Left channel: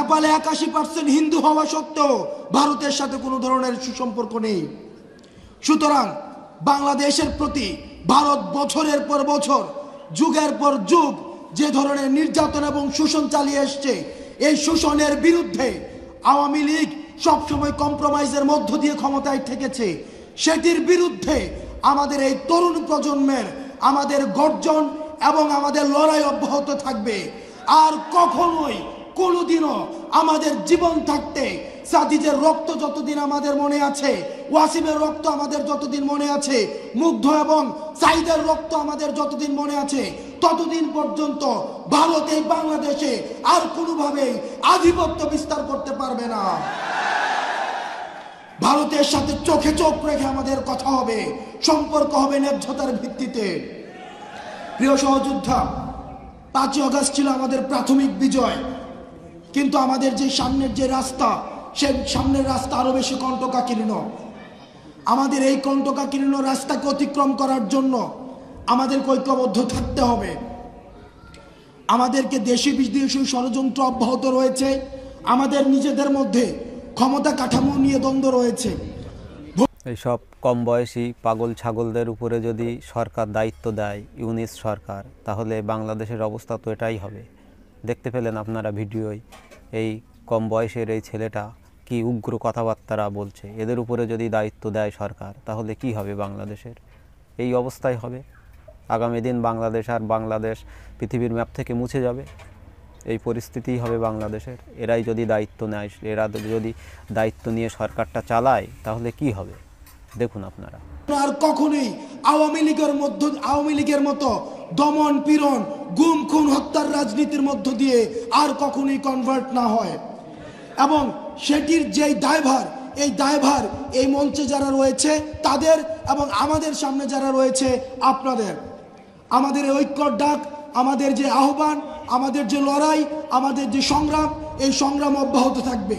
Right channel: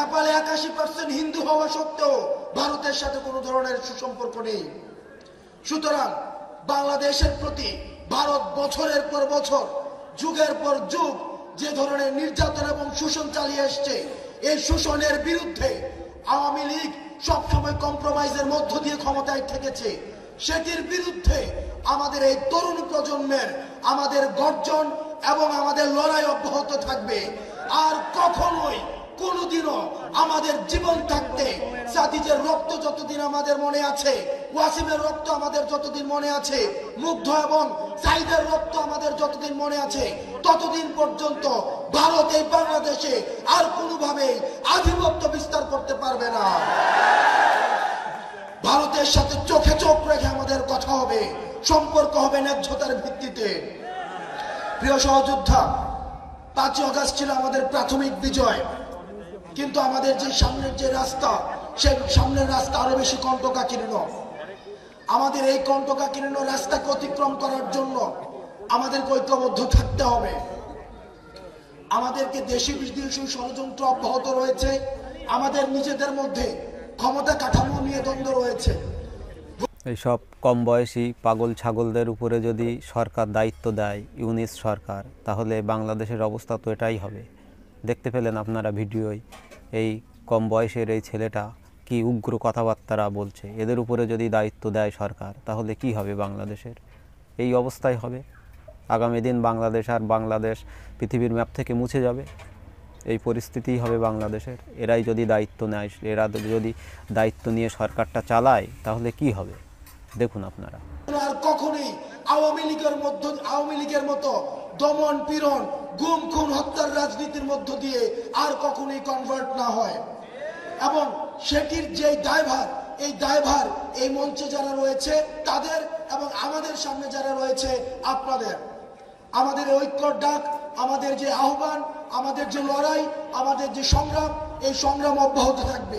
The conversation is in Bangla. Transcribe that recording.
নেপালে 81% হিন্দু হওয়া সত্ত্বেও ভারতের সাথে কোনো ধরনের সুসম্পর্ক নেই। সুতরাং বাংলাদেশের প্রতি ভারত বছরের পর বছর, যুগের পর যুগ যে ধরনের নির্যাতন এবং শোষণ চালিয়ে আসছে, এই শোষণের বিরুদ্ধে আওয়ামী লীগ সবসময় কম্প্রোমাইজের মধ্য দিয়ে ক্ষমতায় থেকেছে। সেটির বিরুদ্ধে আমাদের এই তরুণ প্রজন্মের আমাদের গর্জন এবং আমাদের লড়াই অব্যাহত থাকবে। আর কখনোই কোনোদিনও আমাদের জীবন থাকতে সাদিজের রক্ত যতদিন আমাদের মনে আছে, ওয়াসিমের রক্ত আমাদের যতদিন মনে আছে, মুগ্ধ এবং সাইদের রক্ত আমাদের যতদিন মনে আছে, ততদিন পর্যন্ত ভারত এই বাংলাদেশে আর কোনোভাবেই আধিপত্য বিস্তার করতে পারবে না। ভারতের সাথে চোখে চোখ রেখে আমাদের কথা হবে, সম্পর্ক হবে ন্যায্যতার ভিত্তিতে। প্রিয় সহযোদ্ধা, 5ই আগস্ট ছিল আমাদের প্রাথমিক বিজয়, কিন্তু আমাদের যে সামনের যে রাস্তা, সেই সামনের রাস্তা আরো বেশি কণ্টকাকীর্ণ। আমাদের এই কণ্টকাকীর্ণ রাস্তাকে অতিক্রম করার জন্য আমাদেরকে ঐক্যবদ্ধ থাকতে হবে। আমাদেরকে দেশি বিদেশি ষড়যন্ত্র অব্যাহত রয়েছে, আমাদের নিজেদের মধ্যে ক্ষমতা কাঠামো নিয়ে দ্বন্দ্ব রয়েছে। এইসব কম বয়সী পাগল ছাগলদের উপরে যদি সরকার দায়িত্ব দেয়, ইউনিস সরকার, তাহলে বাংলাদেশের অবস্থা তো এটাই হবে। দেখতে পেলেন আপনারা ভিডিওয়, এই কম বয়সের এই ছেলেটা কি উগ্র কথাবার্তা বলছে। এদের উপরে যদি দায়িত্ব দেয় সরকার, তাহলে কি হবে বাংলাদেশের? এই অবস্থায় হবে। আগামী দিন বাংলাদেশ পৃথিবীর ম্যাপ থেকে মুছে যাবে। এই পরিস্থিতিই হবে বাংলাদেশের। এরাই যদি দায়িত্ব নেয়, এরা যদি দায়িত্ব নিয়ে সরকারটা চালায়, তাহলে কি হবে দেখুন আপনারা। আর কখনোই আওয়ামী লীগের মতো দমন পীড়ন, গুম খুন হত্যার রাজনীতির মধ্য দিয়ে আর কখনোই কনভার্ট না হয়। এবং সেটির যেই দায়ভার, এই দায়ভার এই মঞ্চে যারা রয়েছে তাদের, এবং আমাদের সামনে যারা রয়েছে আপনাদের। আমাদের ঐক্যর ডাক, আমাদের যে আহ্বান, আমাদের যে লড়াই, আমাদের যে সংগ্রাম, এই সংগ্রাম অব্যাহত থাকবে।